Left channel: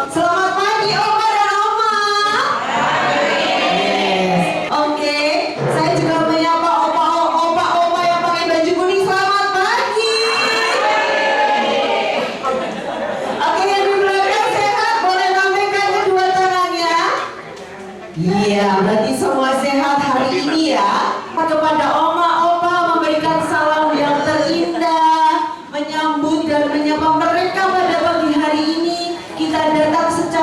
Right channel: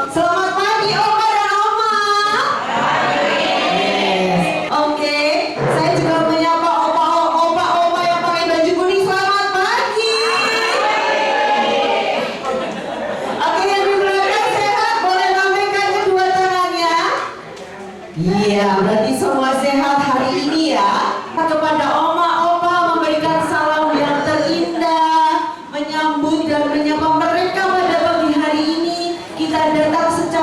Selamat pagi Oma dan Oma. Oke, saya juga menyapa opa yang pakai baju kuning. Selamat pagi. Oke, yang di belakang sehat, boleh lambaikan kedua tangannya. Iya, berarti semua sehat hari ini ya. Kepada Oma, Opa memberikan salam yang terindah, menyambut dan menyapa mereka pada pagi hari ini. Kita datang secara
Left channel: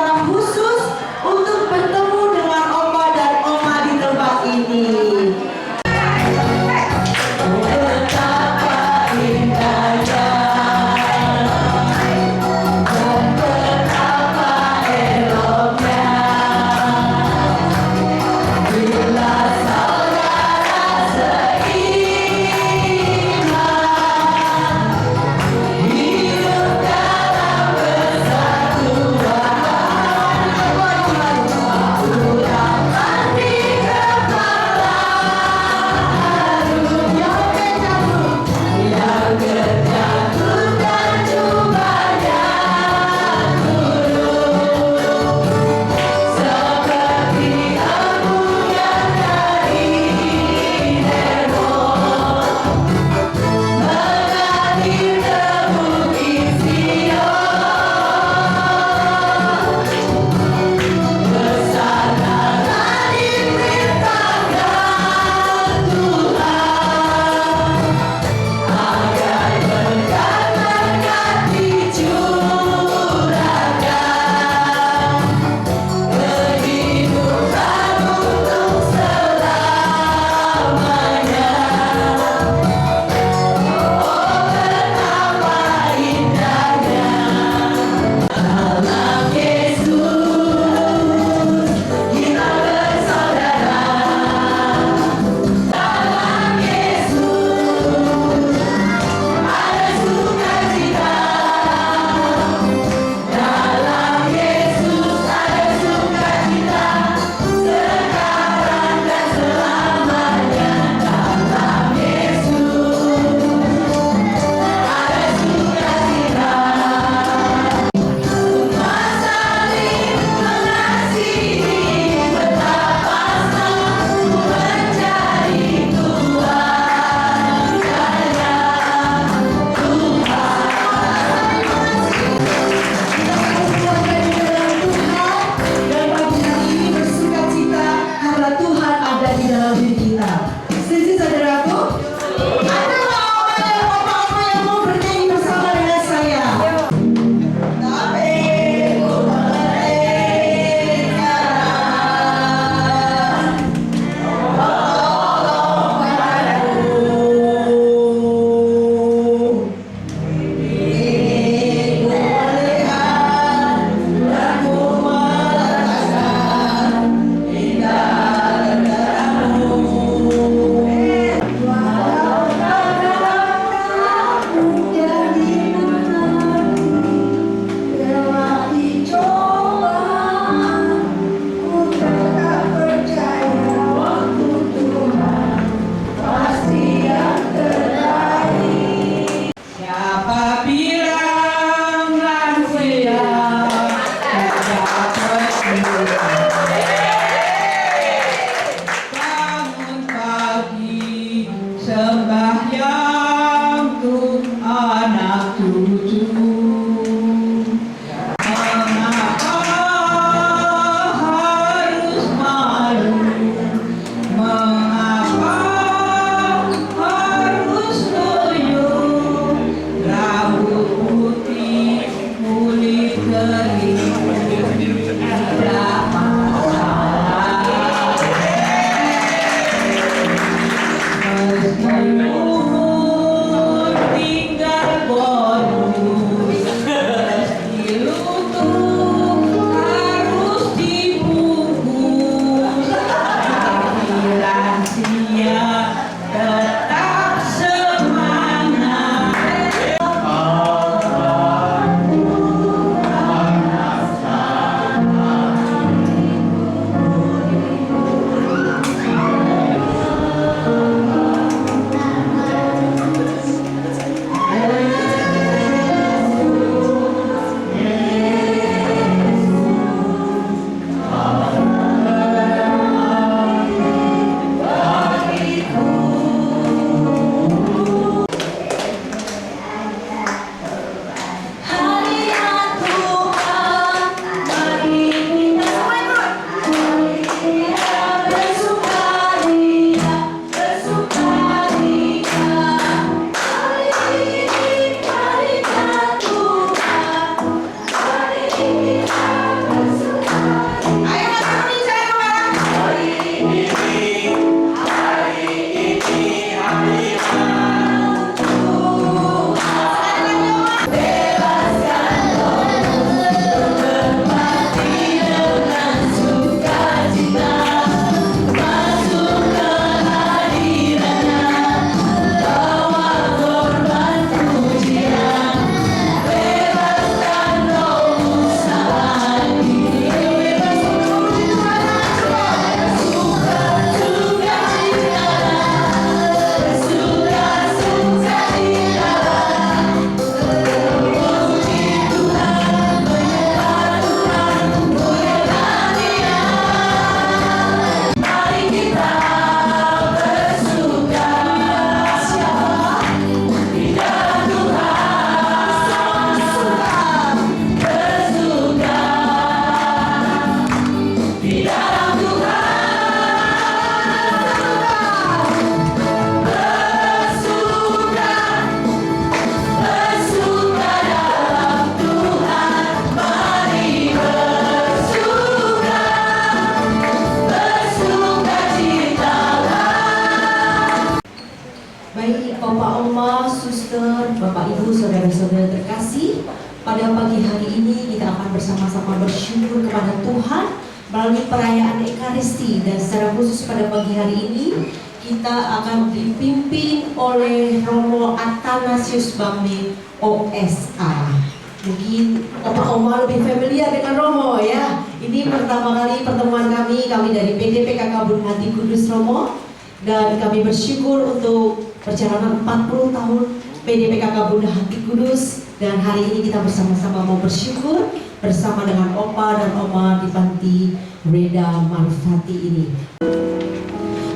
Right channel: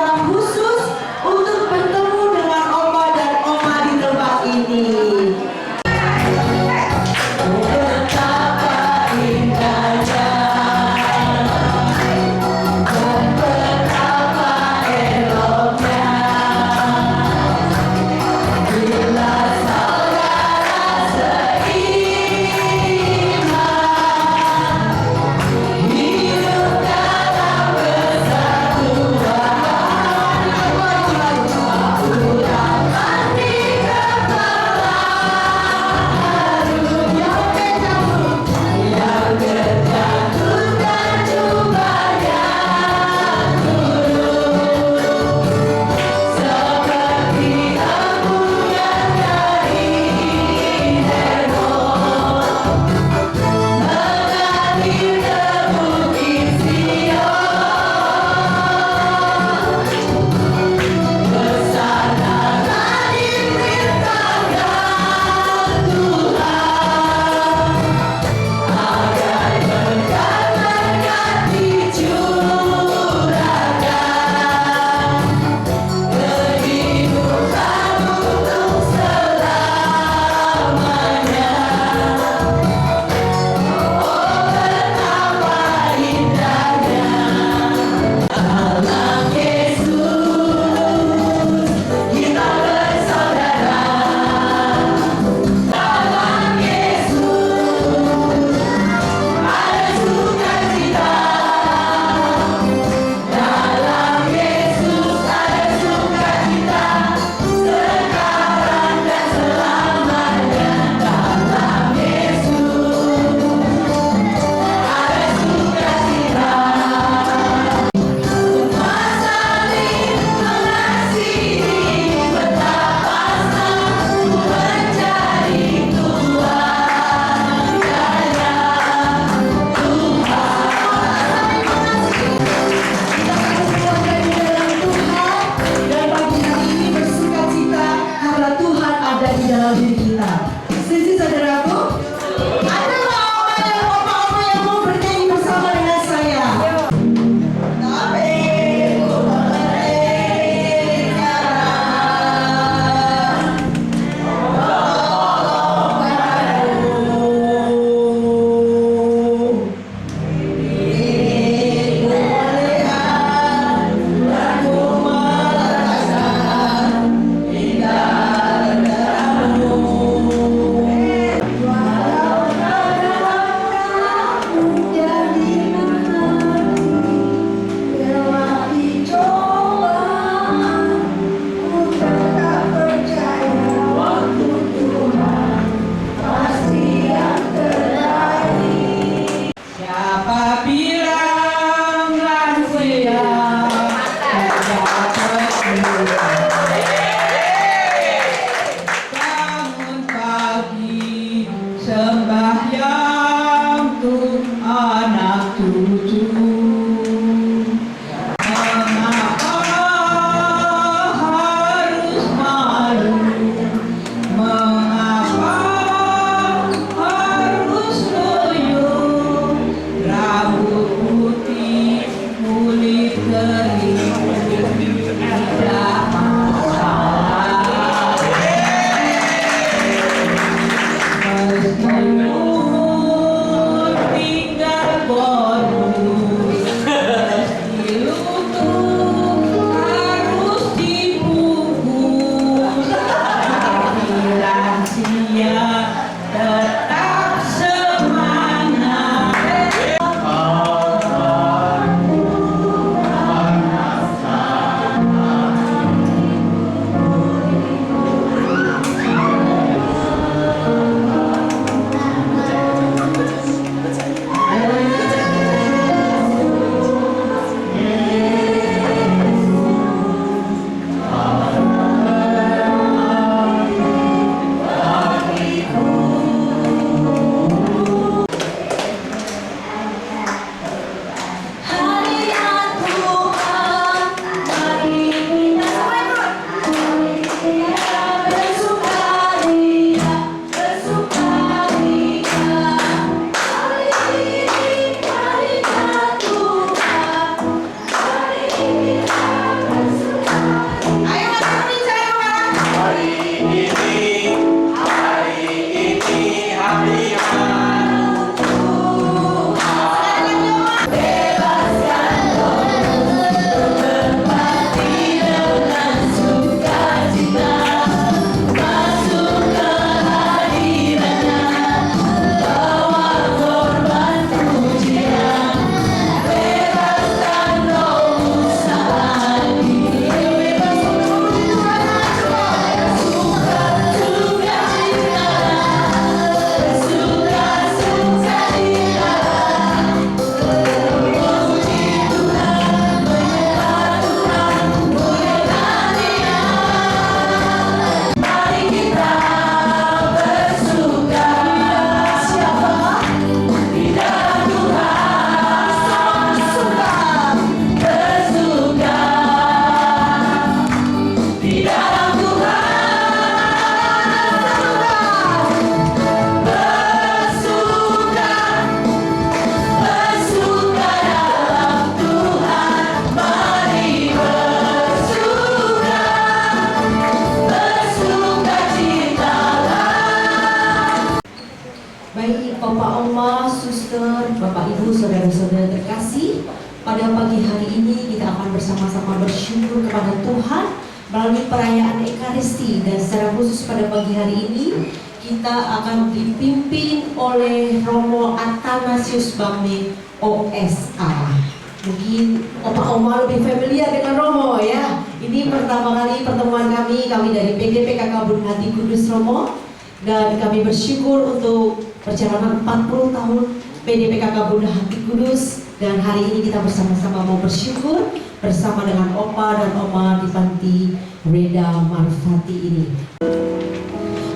pada pagi hari ini kita akan bersama-sama bersyukur kepada Tuhan melalui perayaan Ekaristi, dan secara khusus pada pagi hari ini kita akan dipimpin oleh Romo Athanasius Bame OSA. Mungkin oma-oma lebih familiar dengan Romo ya. Ini pertama kali pertemuan kami dari PDP PKK Bunda Hati Kudus Romo, dan kami bersyukur untuk perjalanan 40 tahun PDP PKK Bunda Hati Kudus, dan hari ini kita bersama-sama mau bersyukur bersama dengan opa dan oma di panti Reda Marfati ini.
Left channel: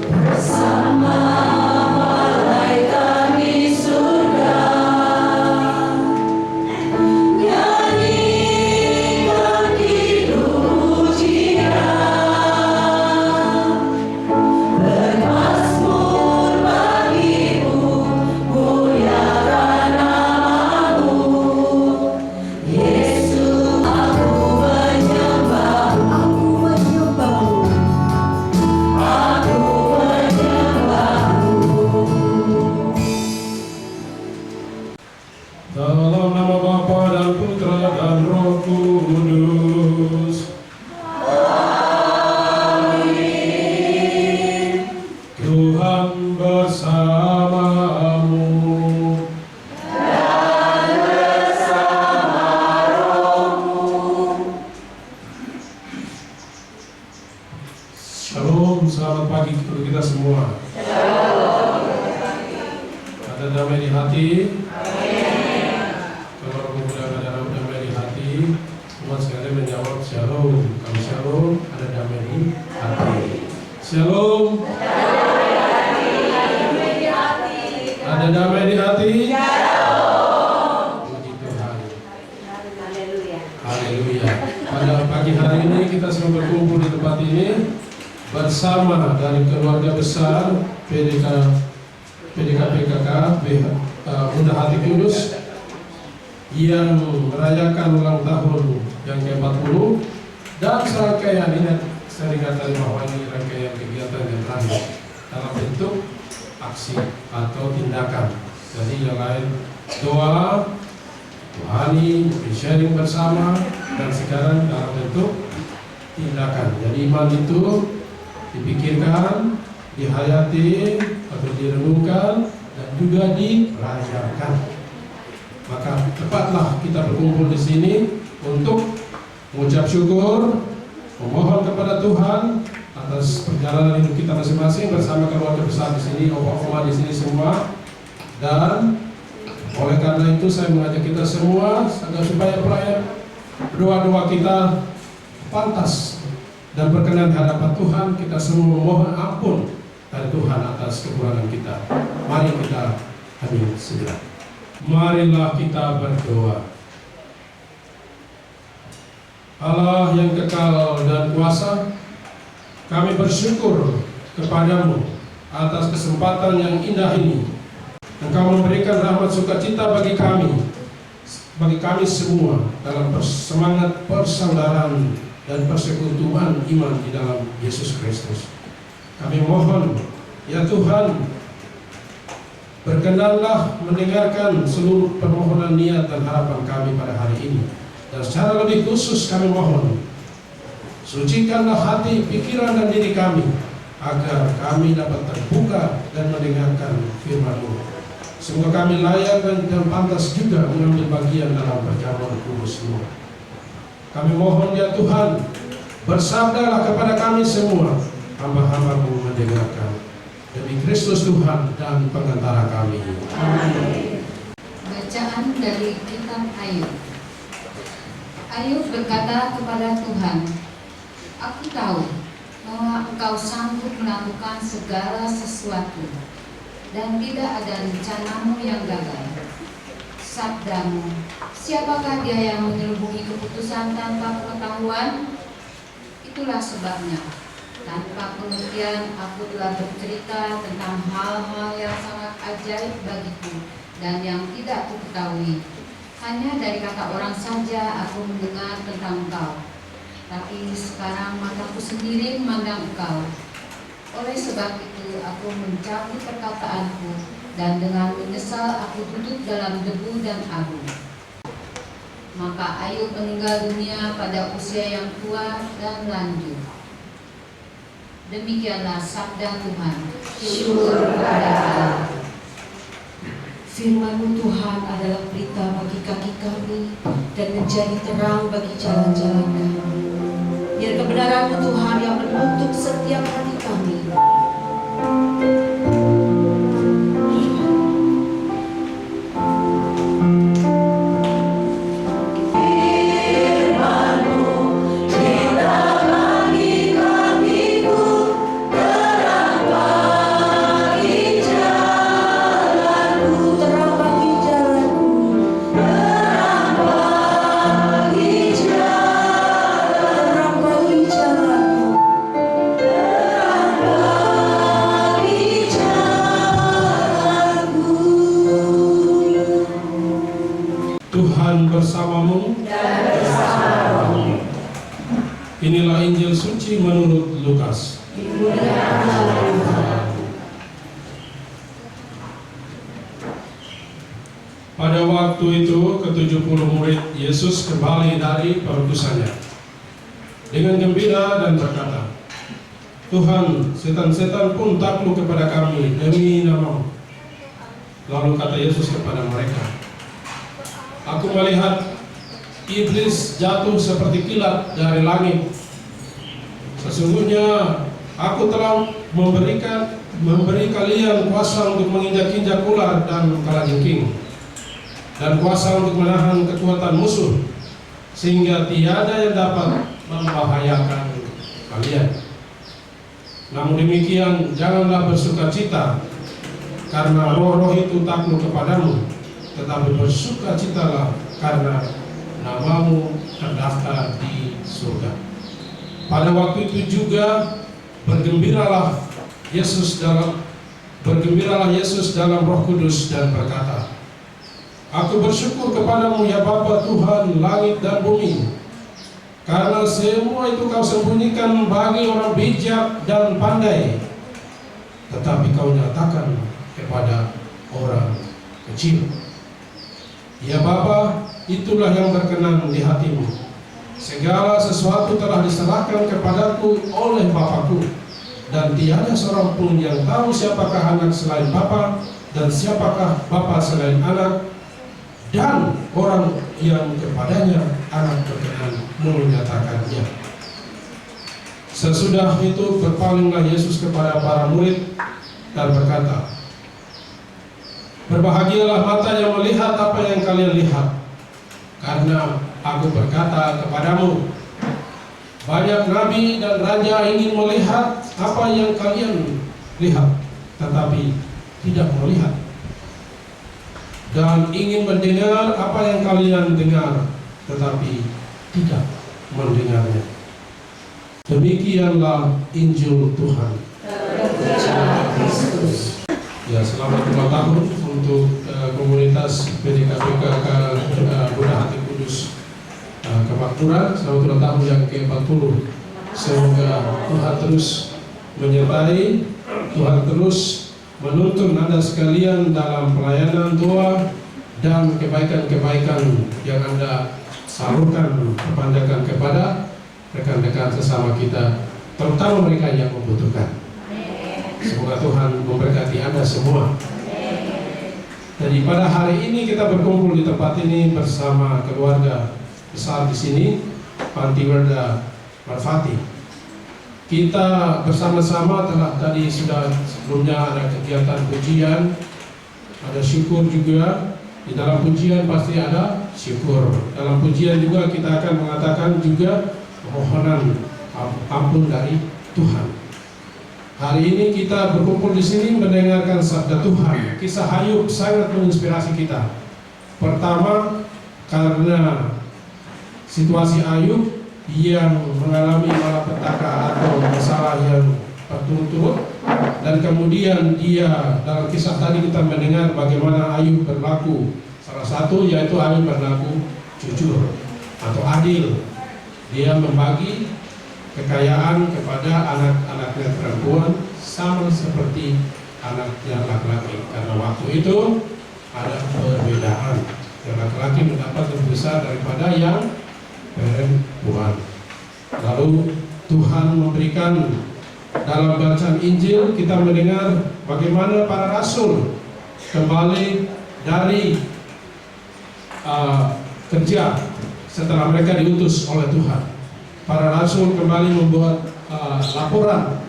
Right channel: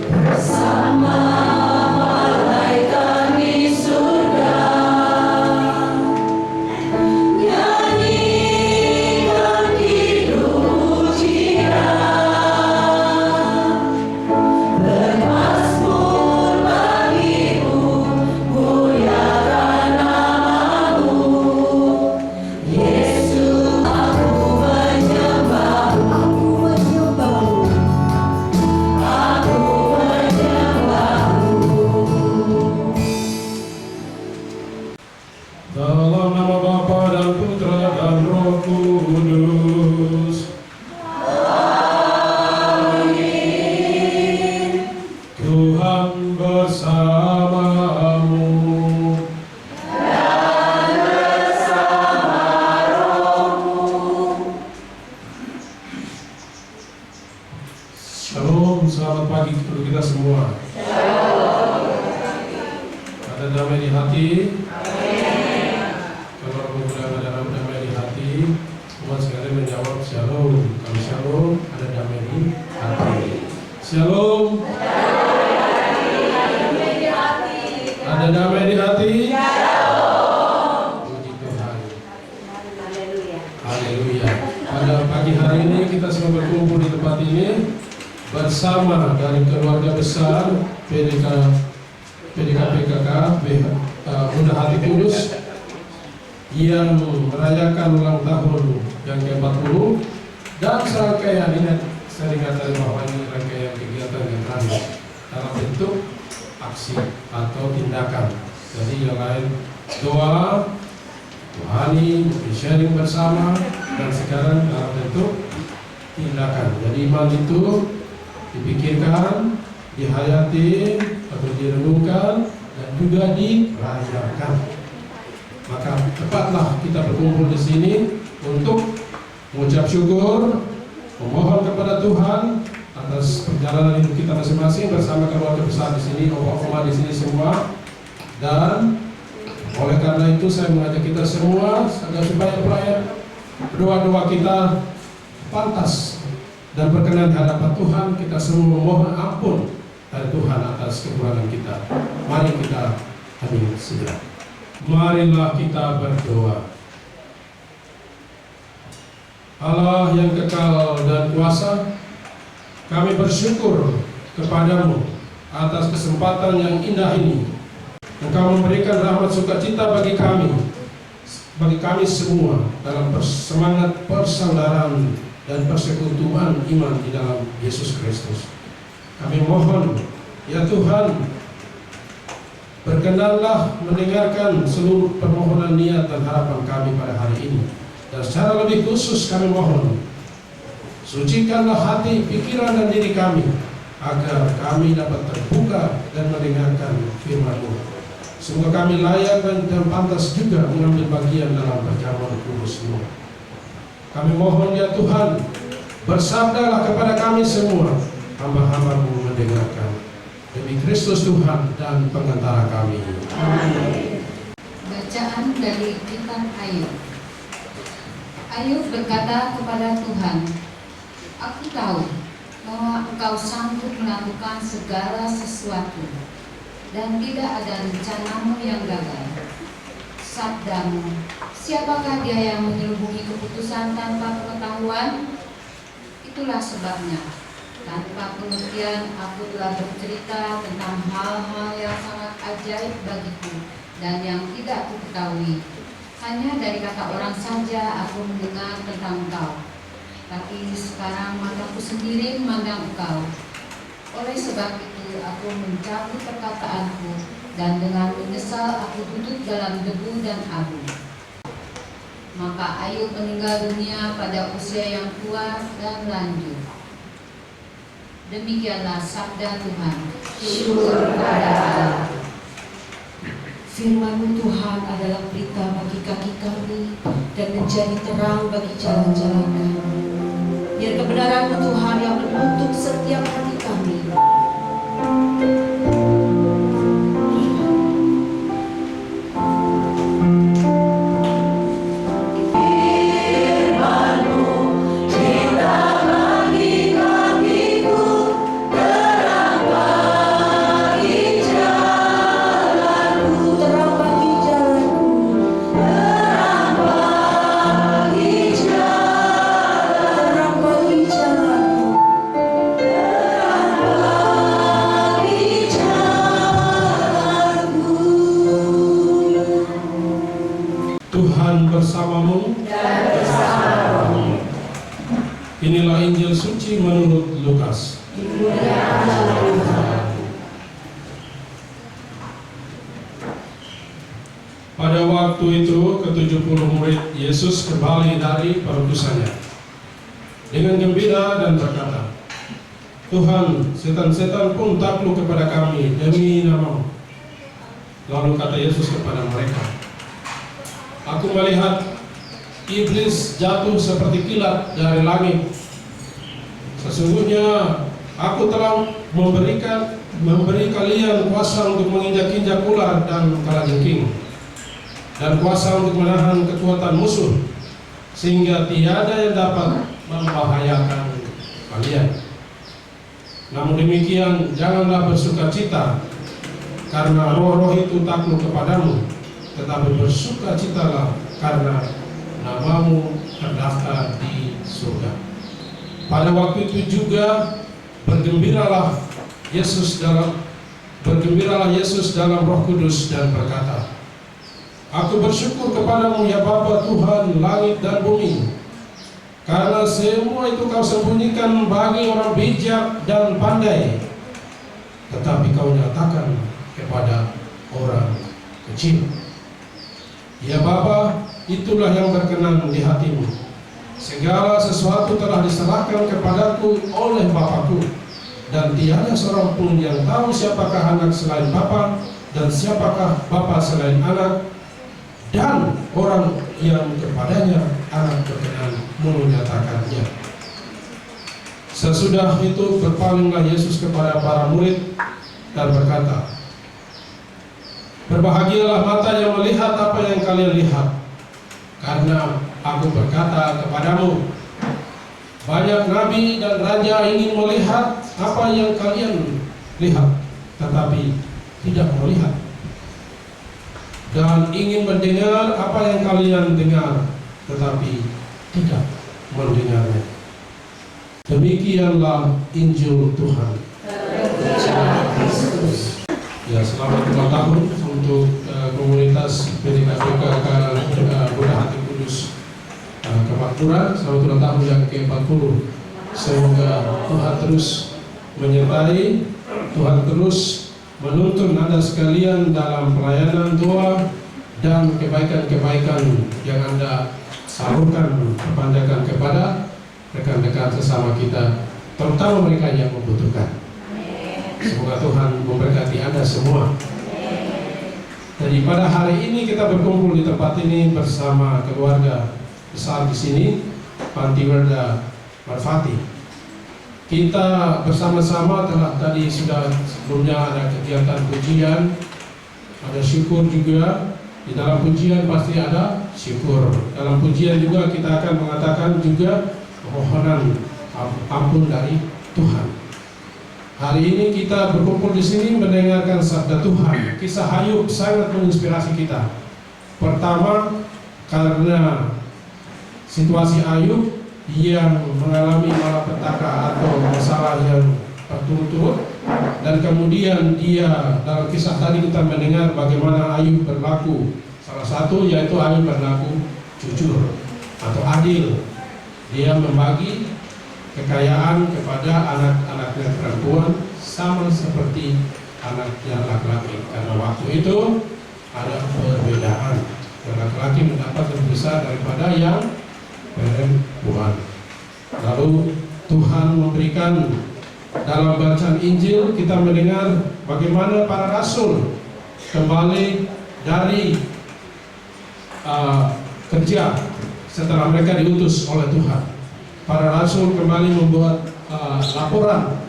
Bersama malaikat di surga, nyanyikan pujian, bermazmur bagimu, muliakan namamu, Yesus. Aku menyembahmu, dalam nama Bapa dan Putra dan Roh Kudus. Amin. Tuhan bersamamu dan bersama rohmu. Shalom, selamat pagi untuk kita semua. Ada damai di hati. Umat sekalian menjawab shalom. Kalau shalom, ada damai di hati. Shalom. Ada damai di hati. Puji Tuhan. Haleluya. Pada pagi hari ini kita semua berkumpul di tempat ini bersama dari keluarga besar PKK Bunda Hati Kudus yang merayakan ulang tahun yang ke-40, dan serangkaian ini saya dikatakan bahwa ini rangkaian kegiatan yang terakhir dalam bentuk aksi atau tindakan. Jadi yang lain doa, rohani, sharing bersama, dan sekarang dalam bentuk tindakan. Jadi iman itu dipikirkan, dihayati atau direnungkan, dan juga dirayakan. Maka tepatlah kita berkumpul di sini untuk mengucap syukur, memohon kepada Tuhan atas perjalanan hidup kita masing-masing bersama keluarga besar di sini, oma-oma di sini semua. Dan oleh karena itu saya mengajak kita semua agar supaya doa-doa kita pantas dan berkenan di hadapan Tuhan. Kita semua memohon ampun dari Tuhan atas kekurangan kita. Mari kita hadir segera. Marilah kita berdoa. Allah yang kekal dan kuasa, kami bersyukur kepadamu atas kesempatan yang indah ini. Engkau memberikan rahmat sukacita bagi kami semua dalam semangat persaudaraan dan persekutuan iman di dalam Yesus Kristus. Kami mohon, ya Tuhan, berkenanlah mendengarkan seluruh permohonan niat dan harapan kami pada hari ini. Dan secara lebih khusus kami mohon, sucikanlah hati, pikiran dan diri kami, agar kami dapat terbuka dan mendengarkan firman-Mu. Semoga kami layak dan pantas juga mengambil bagian dalam perjamuan kudus-Mu. Kami mohon ya Tuhan, bersabdalah kepada kami semua, hamba-hamba-Mu mendengarkan. Demi Kristus Tuhan dan pengantara kami. Amin. Bacaan dari kitab Ayub. Ayub berkata kepada Tuhan, "Aku tahu bahwa Engkau sanggup melakukan segala sesuatu, dan tidak ada rencanamu yang gagal. Sabdamu, siapakah dia yang menyelubungi keputusan tanpa pengetahuan? Itulah sebabnya, tanpa pengertian aku telah bercerita tentang hal-hal yang sangat ajaib bagiku dan yang tidak kuketahui. Hanya dari kata orang saja aku mendengar tentang Engkau. Tapi sekarang mataku sendiri memandang Engkau. Oleh sebab itu aku mencabut perkataanku, dan dengan menyesal aku duduk dalam debu dan abu." Maka Ayub meninggal dunia pada usia yang tua dan lanjut. Demikianlah sabda Tuhan. Syukur kepada Allah. Firman-Mu Tuhan adalah berita bagi kaki kami dan menjadi terang bagi jalan-jalan kami. Biar kebenaran-Mu Tuhan yang menuntut setiap hati kami. Tuhan bersamamu Dan bersama Inilah Injil suci menurut Lukas. dimuliakanlah Tuhan. Pada waktu itu ke-70 murid Yesus kembali dari perutusannya dengan gembira dan berkata, Tuhan, setan-setan pun takluk kepada kami demi nama-Mu. Lalu kata Yesus kepada mereka, Aku melihat iblis jatuh seperti kilat dari langit. Sesungguhnya aku telah memberi kalian kuasa untuk menginjak-injak ular dan kalajengking, dan kuasa untuk menahan kekuatan musuh, sehingga tiada yang dapat membahayakan kalian. Namun demikian, janganlah bersukacita karena roh-roh itu takluk kepadamu, tetapi bersukacitalah karena namamu terdaftar di surga. Pada waktu itu juga bergembiralah Yesus dalam Roh Kudus dan berkata, Aku bersyukur kepadamu ya Bapa Tuhan langit dan bumi, karena semua itu kau sembunyikan bagi orang bijak dan pandai, tetapi kau nyatakan kepada orang kecil. Ya Bapa, itulah yang berkenan di hatimu. Segala sesuatu telah diserahkan kepadaku oleh Bapakku, dan tiada seorang pun yang tahu siapakah anak selain Bapa, dan siapakah Bapa selain anak, dan orang yang kepadanya anak berkenan menyatakannya. Sesudah itu berpalinglah Yesus kepada para murid dan berkata, Berbahagialah mata yang melihat apa yang kalian lihat, karena aku berkata kepadamu, banyak nabi dan raja ingin melihat apa yang kalian lihat, tetapi tidak melihat, dan ingin mendengar apa yang kalian dengar, tetapi tidak mendengarnya. Demikianlah Injil Tuhan. Ya, selamat ulang tahun untuk komunitas PDKPK Buddha Hati Kudus Kemakmuran. Selamat ulang tahun yang ke-40. Semoga Tuhan terus menyertai, Tuhan terus menuntun Anda sekalian dalam pelayanan doa dan kebaikan-kebaikan yang Anda salurkan, perpanjangkan kepada rekan-rekan sesama kita, terutama mereka yang membutuhkan. Semoga Tuhan memberkati Anda semua. Jadi pada hari ini kita berkumpul di tempat ini bersama keluarga besar di sini, Panti Werda Marfati. Kita bersama-sama telah tadi sudah sebelumnya ada kegiatan pujian, ada syukur juga. Di dalam pujian pasti ada syukur. Dalam pujian juga kita akan mengatakan juga permohonan ampun dari Tuhan. Hari ini kita berkumpul di sini mendengarkan sabda Tuhan. Kisah Ayub sangat menginspirasi kita. Pertama, karena situasi Ayub yang mengalami malapetaka atau masalah yang berturut-turut, dan kemudian dia dalam kisah tadi kita mendengar bagaimana Ayub berlaku. Salah satu yaitu Ayub berlaku jujur atau adil. Dia membagi kekayaan kepada anak-anaknya perempuan sama seperti anaknya laki-laki, karena waktu itu ada perbedaan yang laki-laki mendapat lebih besar daripada yang perempuan. Lalu Tuhan memberikan dalam bacaan Injil kita mendengar bagaimana para rasul kembali dari kerja setelah mereka diutus oleh Tuhan. Para rasul kembali membuat laporan,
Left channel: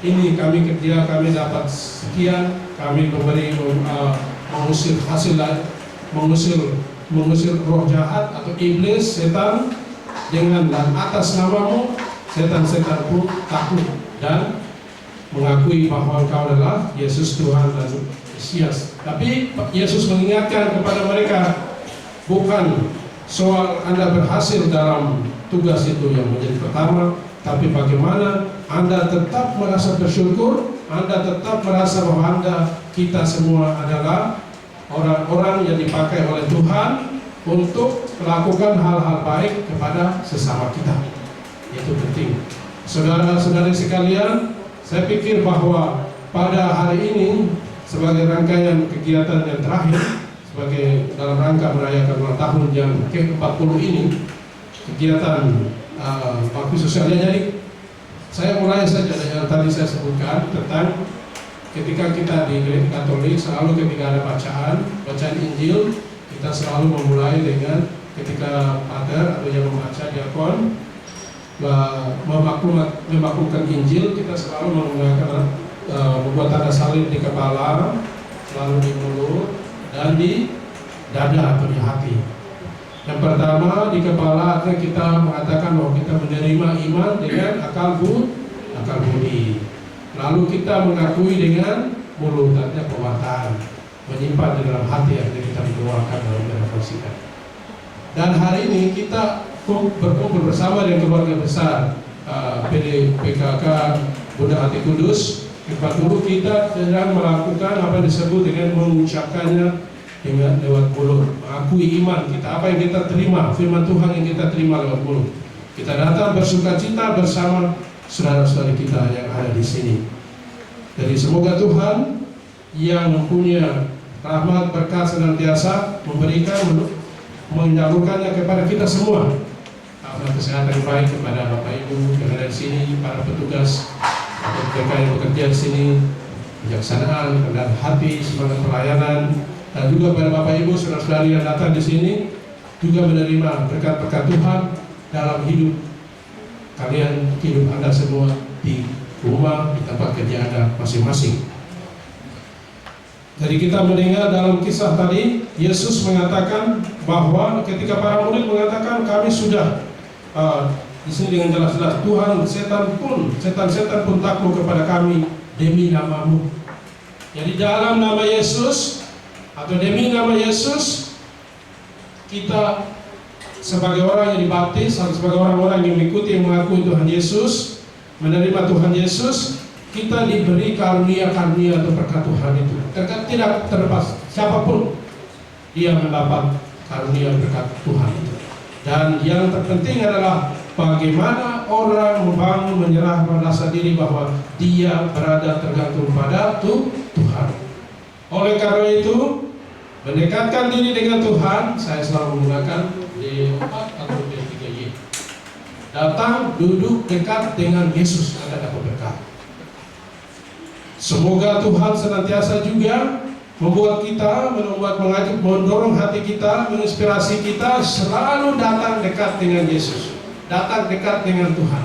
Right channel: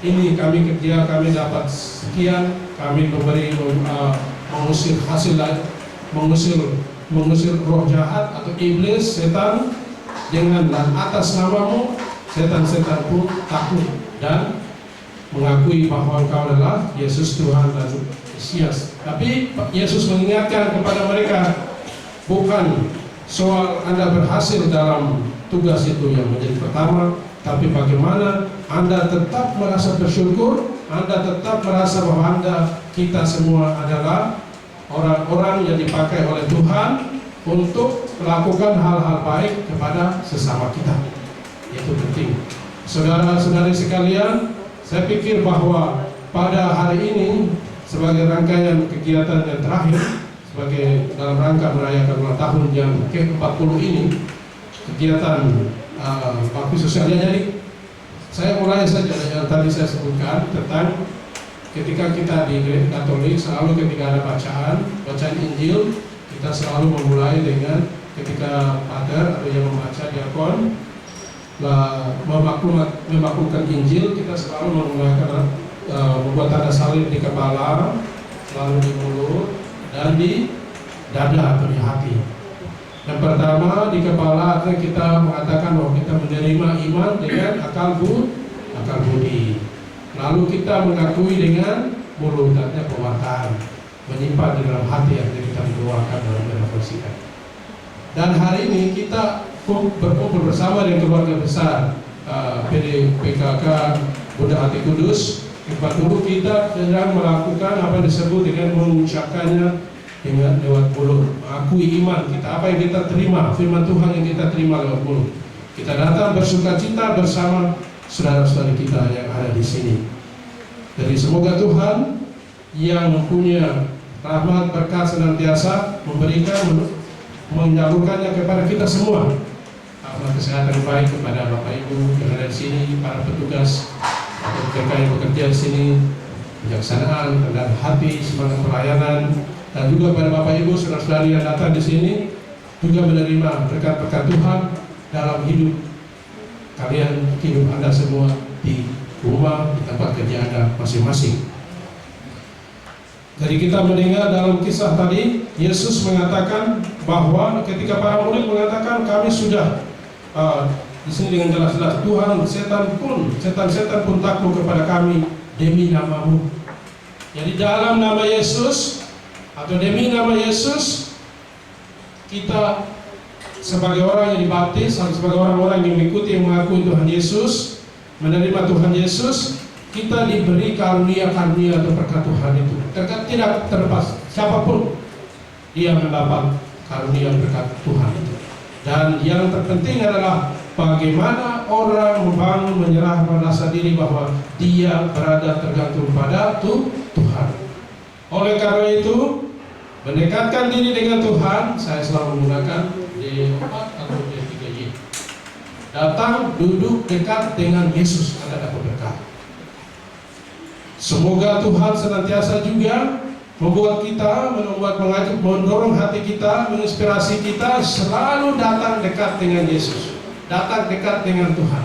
ini kami kerja, kami dapat sekian, kami memberi mengusir mengusir roh jahat atau iblis, setan, dengan atas namamu setan-setan pun takut dan mengakui bahwa engkau adalah Yesus Tuhan dan Mesias. Tapi Yesus mengingatkan kepada mereka, bukan soal Anda berhasil dalam tugas itu yang menjadi pertama, tapi bagaimana Anda tetap merasa bersyukur, Anda tetap merasa bahwa kita semua adalah orang-orang yang dipakai oleh Tuhan untuk melakukan hal-hal baik kepada sesama kita. Itu penting. Saudara-saudari sekalian, saya pikir bahwa pada hari ini sebagai rangkaian kegiatan yang terakhir, sebagai dalam rangka merayakan ulang tahun yang ke-40 ini, kegiatan bakti sosialnya. Jadi saya mulai saja yang tadi saya sebutkan tentang ketika kita di Gereja Katolik selalu ketika ada bacaan Injil, kita selalu memulai dengan ketika pater atau yang membaca diakon memaklumkan Injil, kita selalu menggunakan membuat tanda salib di kepala, lalu di mulut dan di dada atau di hati. Yang pertama di kepala kita mengatakan bahwa kita menerima iman dengan akal budi. Lalu kita mengakui dengan mulut, artinya perbuatan, menyimpan di dalam hati yang kita doakan dalam refleksikan. Dan hari ini kita berkumpul bersama dengan keluarga besar PKK Bunda Hati Kudus. Dulu kita sedang melakukan apa yang disebut dengan mengucapkannya dengan lewat mulut, mengakui iman kita, apa yang kita terima, firman Tuhan yang kita terima lewat mulut. Kita datang bersukacita bersama saudara-saudari kita yang ada di sini. Jadi semoga Tuhan yang mempunyai rahmat berkat senantiasa memberikan, menyalurkannya kepada kita semua. Kesehatan yang baik kepada Bapak Ibu yang ada di sini, para petugas atau mereka yang bekerja di sini, kebijaksanaan, kerendahan hati, semangat pelayanan, dan juga pada Bapak Ibu saudara-saudari yang datang di sini juga menerima berkat-berkat Tuhan dalam hidup kalian, hidup Anda semua di rumah, di tempat kerja Anda masing-masing. Jadi kita mendengar dalam kisah tadi, Yesus mengatakan bahwa ketika para murid mengatakan kami sudah di sini dengan jelas-jelas Tuhan, setan-setan pun takut kepada kami demi namamu. Jadi dalam nama Yesus atau demi nama Yesus, kita sebagai orang yang dibaptis, sebagai orang-orang yang mengikuti, yang mengakui Tuhan Yesus, menerima Tuhan Yesus, kita diberi karunia-karunia atau berkat Tuhan itu. Tidak terlepas siapapun dia mendapat karunia berkat Tuhan itu. Dan yang terpenting adalah bagaimana orang membangun, menyerah, merasa diri bahwa dia berada tergantung pada Tuhan. Oleh karena itu, mendekatkan diri dengan Tuhan, saya selalu menggunakan D4 atau D3Y. Datang, duduk dekat dengan Yesus, Anda dapat berkat. Semoga Tuhan senantiasa juga membuat kita, mengajak, mendorong hati kita, menginspirasi kita selalu datang dekat dengan Yesus, datang dekat dengan Tuhan,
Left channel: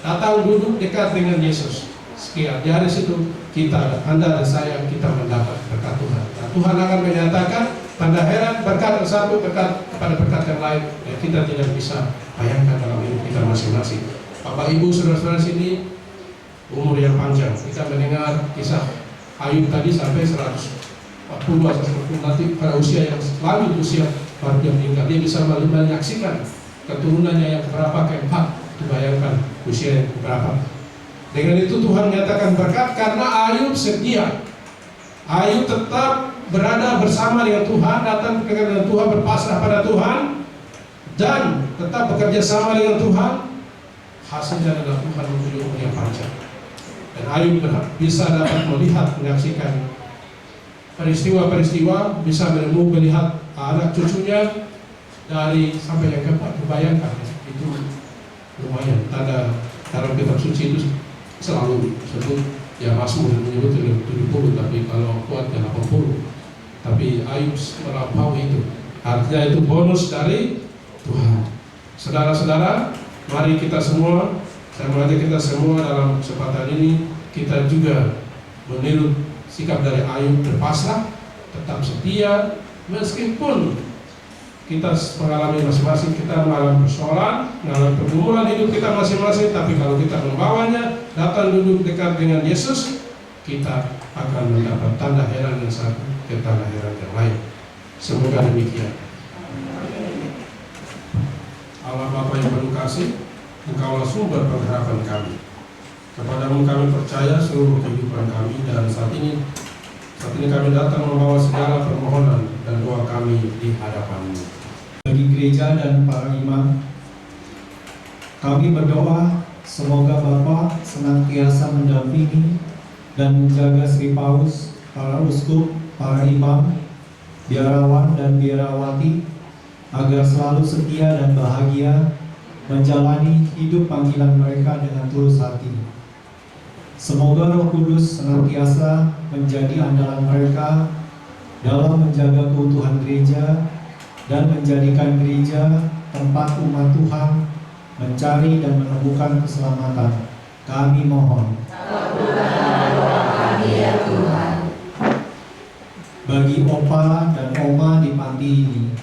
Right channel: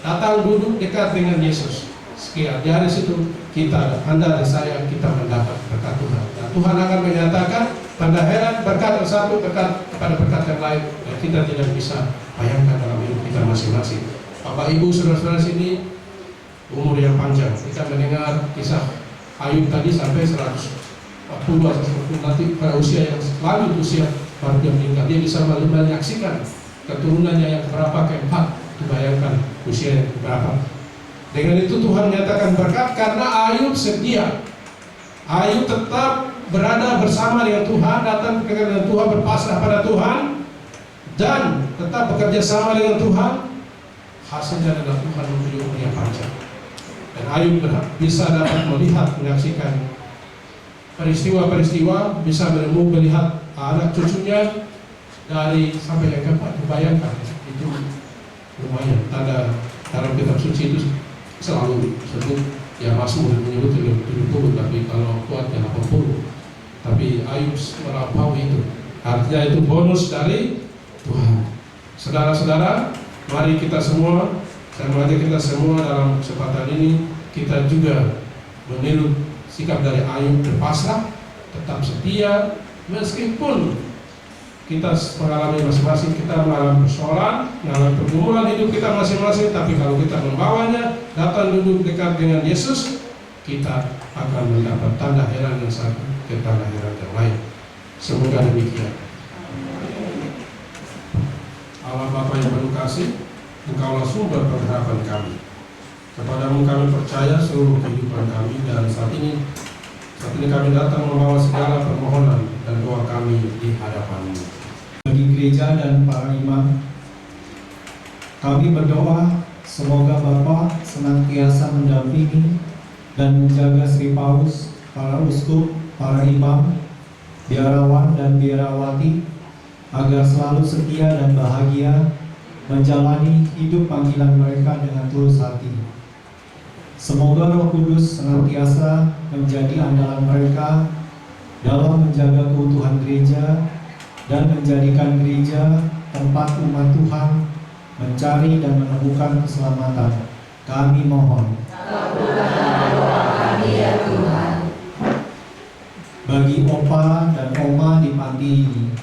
datang duduk dekat dengan Yesus. Sekian, dari situ kita, Anda dan saya, kita mendapat berkat Tuhan. Dan Tuhan akan menyatakan tanda heran berkat yang satu berkat kepada berkat yang lain yang kita tidak bisa bayangkan dalam hidup kita masing-masing. Bapak Ibu saudara-saudara sini, umur yang panjang. Kita mendengar kisah Ayub tadi sampai 140 nanti pada usia yang lanjut usia baru dia meninggal. Dia bisa menyaksikan keturunannya yang keberapa, keempat. Bayangkan usia yang keberapa. Dengan itu Tuhan menyatakan berkat karena Ayub setia. Ayub tetap berada bersama dengan Tuhan, datang dengan Tuhan, berpasrah pada Tuhan, dan tetap bekerja sama dengan Tuhan. Hasilnya adalah Tuhan memberi umur yang panjang. Dan Ayub bisa dapat melihat, menyaksikan peristiwa-peristiwa, bisa melihat anak cucunya dari sampai yang keempat. Bayangkan itu lumayan. Tanda dalam kitab suci itu selalu sebut ya Mazmur menyebut 70, tapi kalau kuatnya 80. Tapi Ayub melampaui itu. Artinya itu bonus dari Tuhan. Saudara-saudara, mari kita semua, saya mengajak kita semua dalam kesempatan ini, kita juga meniru sikap dari Ayub, berpasrah, tetap setia, meskipun kita mengalami masing-masing, kita mengalami persoalan, mengalami pergumulan hidup kita masing-masing, tapi kalau kita membawanya, datang duduk dekat dengan Yesus, kita akan mendapat tanda heran yang satu ke tanda heran yang lain. Semoga demikian. Allah Bapa yang penuh kasih, Engkaulah sumber pengharapan kami. Kepadamu kami percaya seluruh kehidupan kami, dan saat ini kami datang membawa segala permohonan dan doa kami di hadapan-Mu. Bagi gereja dan para imam, kami berdoa semoga Bapa senantiasa mendampingi dan menjaga Sri Paus, para uskup, para imam, biarawan dan biarawati, agar selalu setia dan bahagia menjalani hidup panggilan mereka dengan tulus hati. Semoga Roh Kudus senantiasa menjadi andalan mereka dalam menjaga keutuhan gereja dan menjadikan gereja tempat umat Tuhan mencari dan menemukan keselamatan. Kami mohon. Kabulkanlah doa kami ya Tuhan. Bagi opa dan oma di panti ini,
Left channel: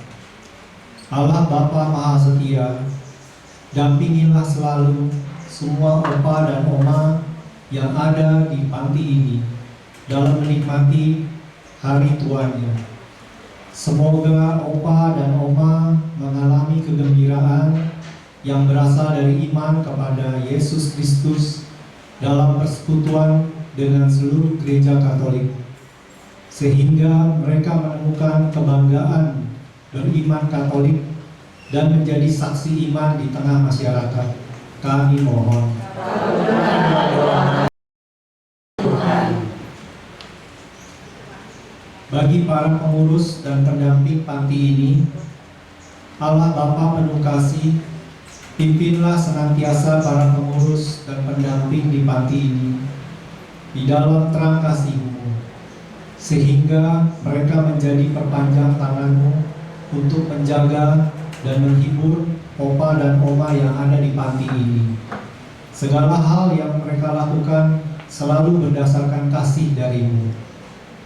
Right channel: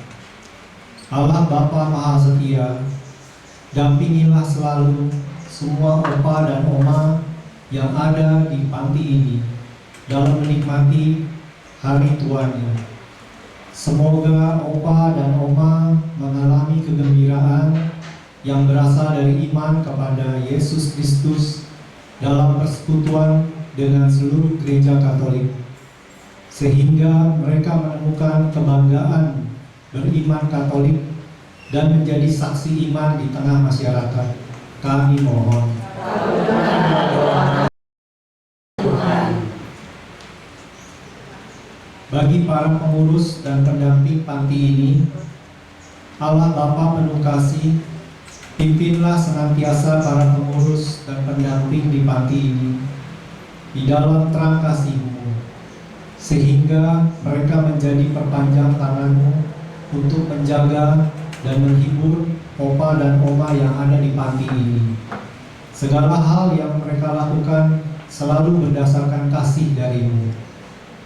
Allah Bapa Maha Setia, dampingilah selalu semua opa dan oma yang ada di panti ini dalam menikmati hari tuanya. Semoga opa dan oma mengalami kegembiraan yang berasal dari iman kepada Yesus Kristus dalam persekutuan dengan seluruh gereja Katolik, sehingga mereka menemukan kebanggaan beriman Katolik dan menjadi saksi iman di tengah masyarakat. Kami mohon. Kabulkanlah doa Tuhan. Bagi para pengurus dan pendamping panti ini, Allah Bapa penuh kasih, pimpinlah senantiasa para pengurus dan pendamping di panti ini di dalam terang kasih-Mu, sehingga mereka menjadi perpanjang tangan-Mu untuk menjaga dan menghibur opa dan oma yang ada di panti ini. Segala hal yang mereka lakukan selalu berdasarkan kasih dari-Mu,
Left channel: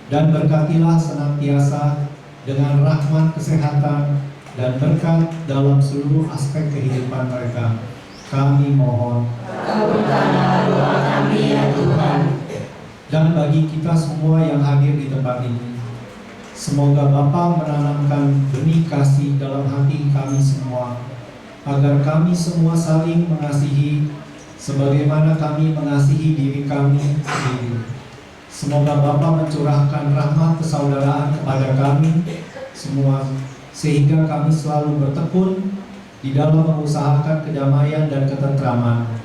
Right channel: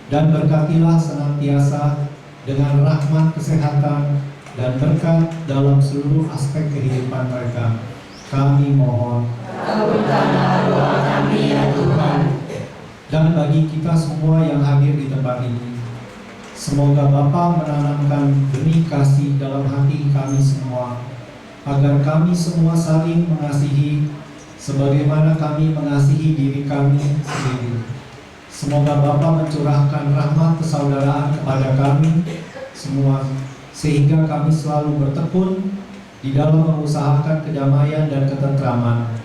dan berkatilah senantiasa dengan rahmat kesehatan dan berkat dalam seluruh aspek kehidupan mereka. Kami mohon. Kabulkanlah doa kami ya Tuhan. Dan bagi kita semua yang hadir di tempat ini, semoga Bapa menanamkan benih kasih dalam hati kami semua, agar kami semua saling mengasihi sebagaimana kami mengasihi diri kami sendiri. Semoga Bapa mencurahkan rahmat persaudaraan kepada kami semua, sehingga kami selalu bertekun di dalam mengusahakan kedamaian dan ketentraman.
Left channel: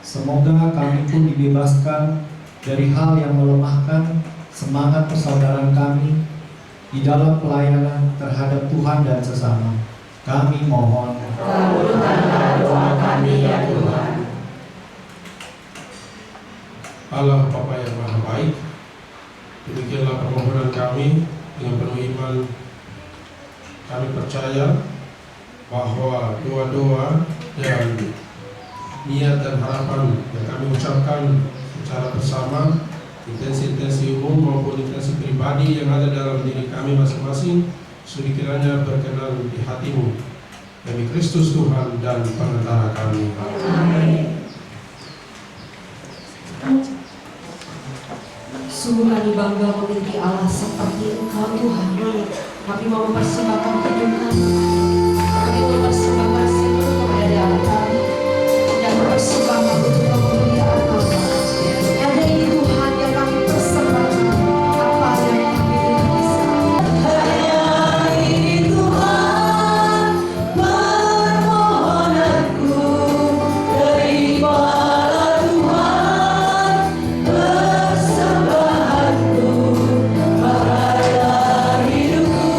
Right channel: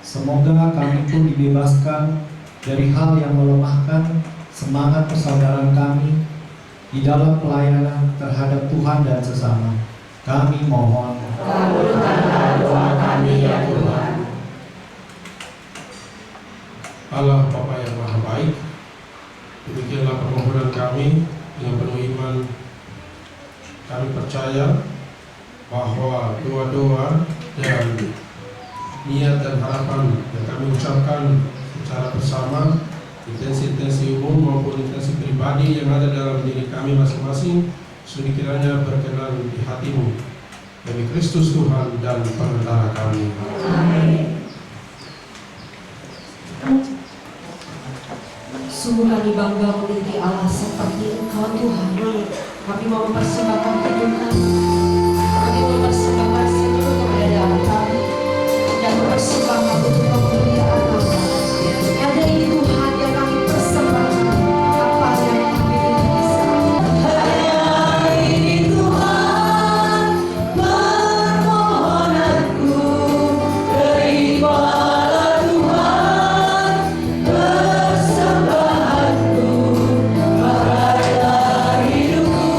Semoga kami pun dibebaskan dari hal yang melemahkan semangat persaudaraan kami di dalam pelayanan terhadap Tuhan dan sesama. Kami mohon. Kabulkanlah doa kami ya Tuhan. Allah Bapa yang Maha Baik, demikianlah permohonan kami dengan penuh iman. Kami percaya bahwa doa-doa dan niat dan harapan yang kami ucapkan secara bersama, intensi-intensi umum maupun intensi pribadi yang ada dalam diri kami masing-masing, sudi kiranya berkenan di hati-Mu, demi Kristus Tuhan dan Pengantara kami. Amin. Sungguh kami bangga memiliki Allah seperti Engkau Tuhan. Kami mau mempersembahkan hidup kami. Kami mempersembahkan seluruh keberadaan kami dan mempersembahkan untuk kemuliaan nama. Hanya ini Tuhan yang kami persembahkan, apa yang kami bisa. Hanya ini Tuhan permohonanku, terimalah Tuhan persembahanku pada hidupku.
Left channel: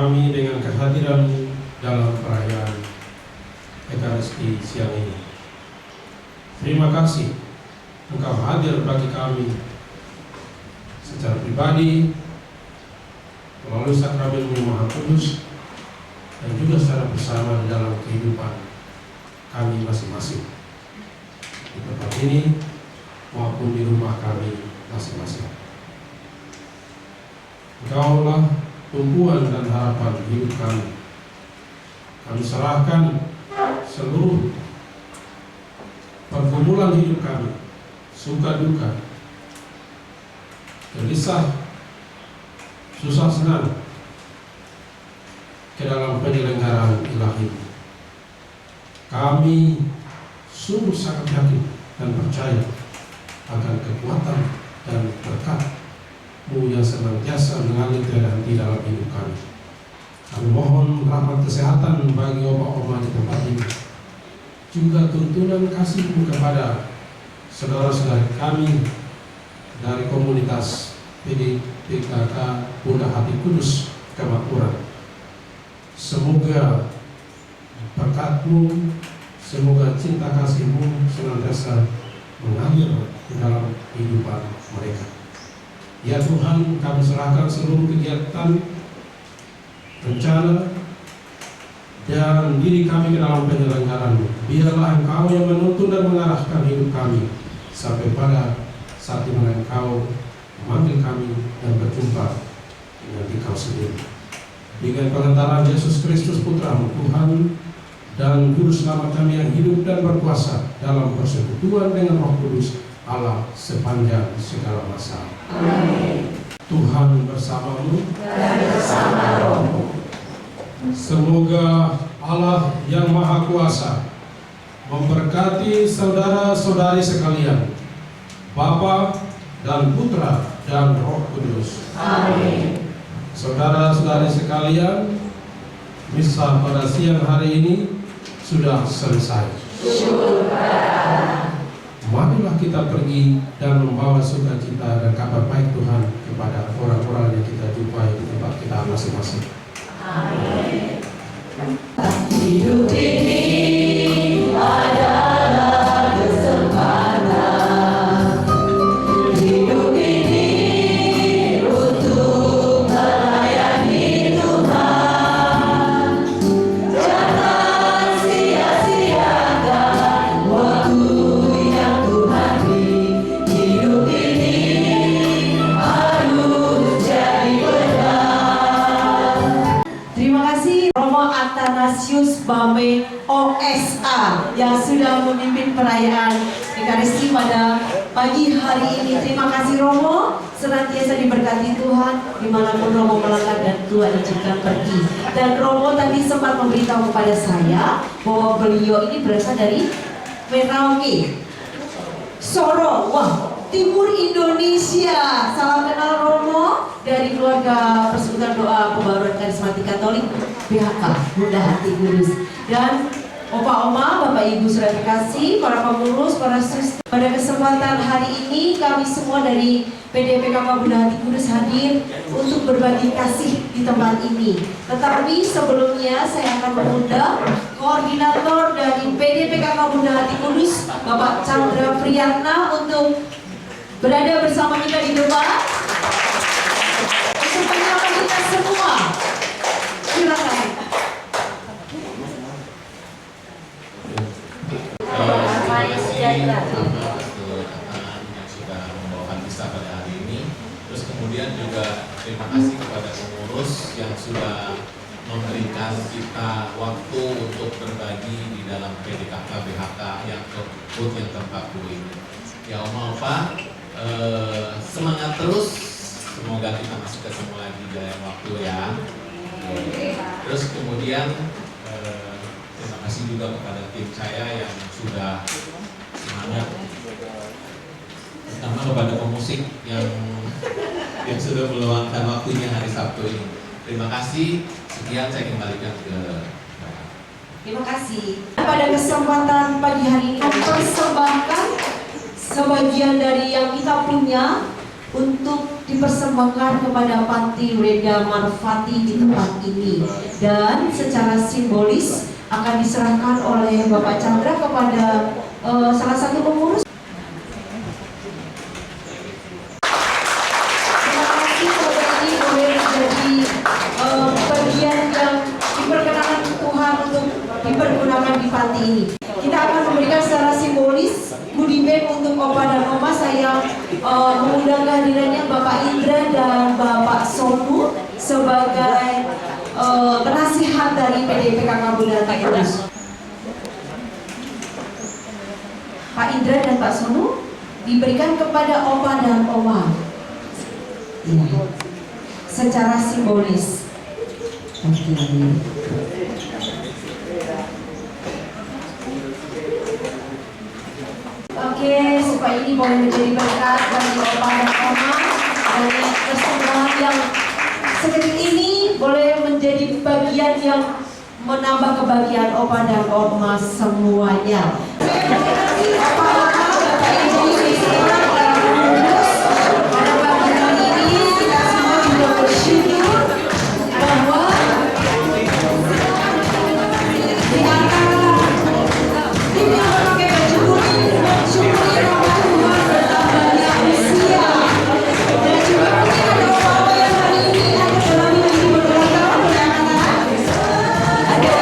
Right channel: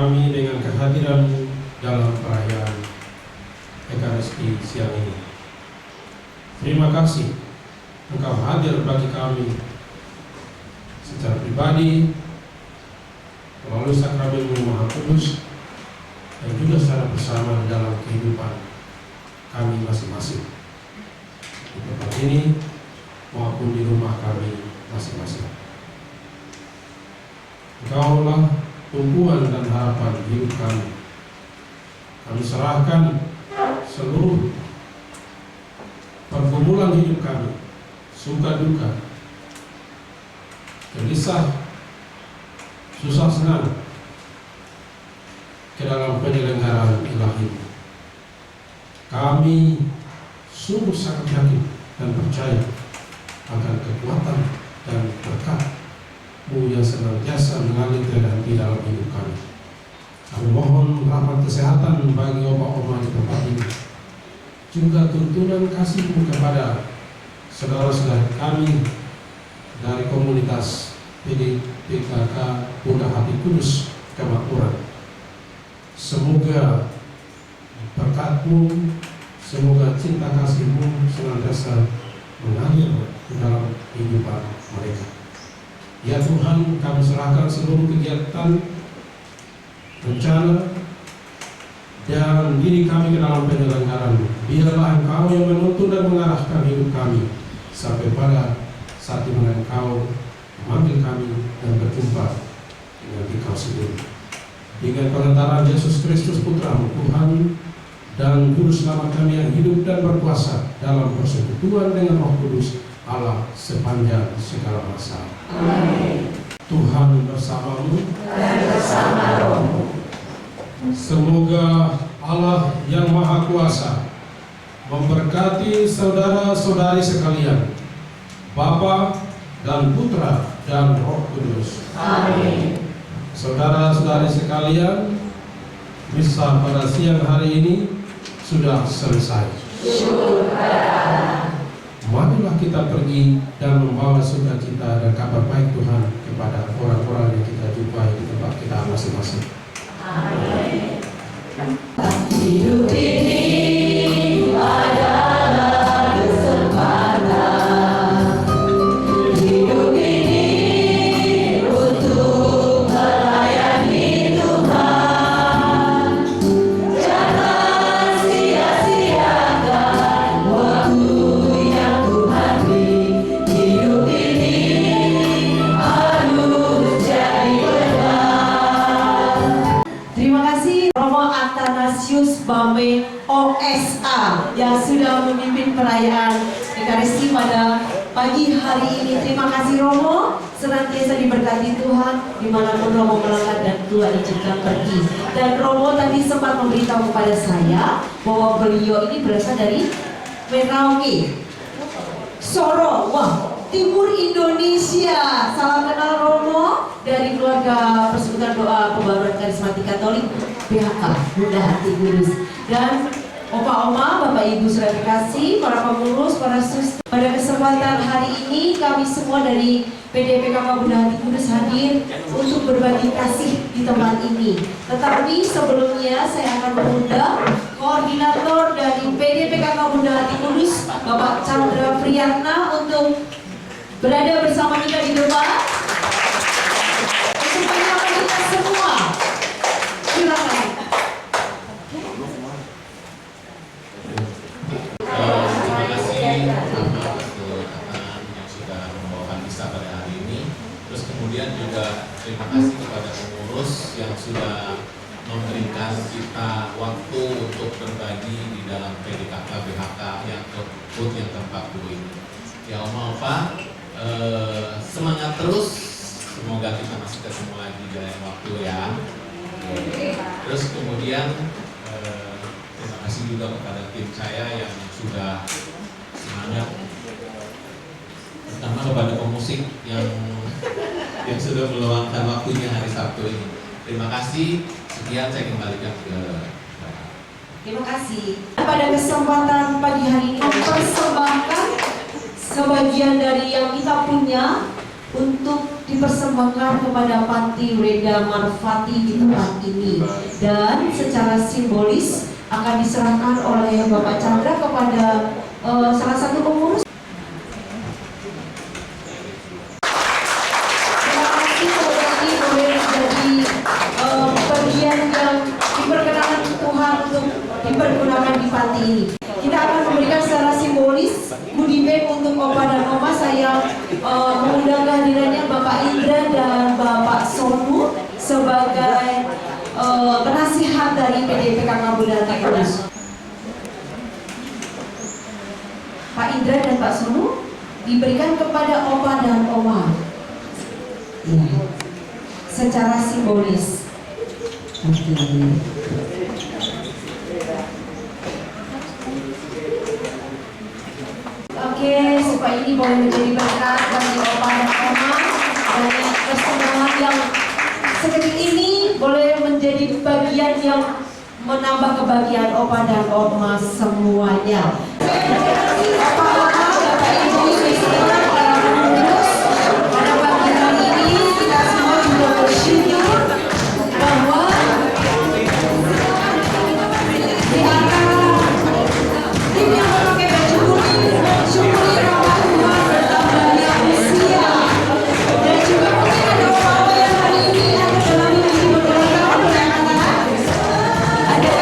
kami dengan kehadiran dalam perayaan Ekaristi siang ini. Terima kasih Engkau hadir bagi kami secara pribadi melalui sakramen Maha Kudus dan juga secara bersama di dalam kehidupan kami masing-masing di tempat ini maupun di rumah kami masing-masing. Engkaulah tumpuan dan harapan hidup kami. Kami serahkan seluruh pergumulan hidup kami, suka duka, gelisah, susah senang, ke dalam penyelenggaraan ilahi. Kami sungguh sangat yakin dan percaya akan kekuatan dan berkat-Mu yang senantiasa mengalir tiada henti dalam hidup kami. Kami mohon rahmat kesehatan bagi opa-oma di tempat ini, juga tuntunan kasih-Mu kepada saudara-saudara kami dari komunitas PKK Bunda Hati Kudus Kemakmuran. Semoga berkat-Mu, semoga cinta kasih-Mu senantiasa mengalir di dalam kehidupan mereka. Ya Tuhan, kami serahkan seluruh kegiatan, rencana, dan diri kami ke dalam penyelenggaraan-Mu. Biarlah Engkau yang menuntun dan mengarahkan hidup kami sampai pada saat di mana Engkau memanggil kami dan berjumpa dengan Engkau sendiri. Dengan pengantaran Yesus Kristus Putra-Mu Tuhan dan Juru Selamat kami yang hidup dan berkuasa dalam persekutuan dengan Roh Kudus Allah sepanjang segala masa. Amin. Tuhan bersama-Mu dan bersama Roh-Mu. Semoga Allah yang Maha Kuasa memberkati saudara-saudari sekalian, Bapa dan Putra dan Roh Kudus. Amin. Saudara-saudari sekalian, misa pada siang hari ini sudah selesai. Marilah kita pergi dan membawa sukacita dan kabar baik Tuhan kepada orang-orang yang kita jumpai di tempat kita masing-masing. Amin. Hidup ini adalah kesempatan. Hidup ini untuk melayani Tuhan. Jangan sia-siakan waktu yang Tuhan beri. Hidup ini harus jadi berkat. Terima kasih Romo Athanasius Bame OSA yang sudah memimpin perayaan Ekaristi pada pagi hari ini. Terima kasih Romo, senantiasa diberkati Tuhan dimanapun Romo melangkah dan Tuhan izinkan pergi. Dan Romo tadi sempat memberitahu kepada saya bahwa beliau ini berasal dari Merauke, Sorong, wah, Timur Indonesia. Salam kenal Romo dari keluarga Persekutuan Doa Pembaruan Karismatik Katolik BHK Bunda Hati Kudus. Dan Opa-oma, Bapak Ibu sudah dikasih, para pengurus, para suster. Pada kesempatan hari ini kami semua dari PDPKK Bunda Hati Kudus hadir untuk berbagi kasih di tempat ini. Tetapi sebelumnya saya akan mengundang koordinator dari PDPKK Bunda Hati Kudus, Bapak Chandra Priyatna, untuk berada bersama kita di depan untuk menyapa kita semua. Silakan. Terima kasih untuk teman yang sudah membawakan misa pada hari ini. Terus kemudian juga terima kasih kepada pengurus yang sudah memberikan kita waktu untuk berbagi di dalam PDKK BHK yang ke-40 ini. Ya Oma Opa, semangat terus. Semoga kita masih ketemu lagi dalam waktu ya. Terus kemudian terima kasih juga kepada tim saya yang sudah semangat, terutama kepada pemusik yang sudah meluangkan waktunya hari Sabtu ini. Terima kasih. Sekian saya kembalikan ke Bapak. Terima kasih. Pada kesempatan pagi hari ini mempersembahkan sebagian dari yang kita punya untuk dipersembahkan kepada Panti Reda Marfati di tempat ini, dan secara simbolis akan diserahkan oleh Bapak Chandra kepada salah satu pengurus. Terima kasih, semoga ini boleh menjadi bagian yang diperkenakan Tuhan untuk dipergunakan di panti ini. Kita akan memberikan secara simbolis goodie bag untuk Opa dan Oma. Saya mengundang kehadirannya Bapak Indra dan Bapak Sonu sebagai penasihat dari PDIPKK Bunda Kudus. Pak Indra dan Pak Sonu diberikan kepada Opa dan Oma, ya, secara simbolis. Oke. Oke, supaya ini boleh menjadi berkat bagi Opa dan Oma, dan persembahan yang seketik ini boleh menjadi bagian yang menambah kebahagiaan Opa dan Oma semuanya. Opa, Oma, Bapak Ibu, istimewa para pengurus, pada pagi hari ini kita semua juga bersyukur bahwa di antara tim yang memakai baju kuning mensyukuri nama Tuhan bertambahnya usia, dan juga mungkin ada Opa yang hari ini ada dalam hidup berulang tahun, boleh angkat tangan? Ada?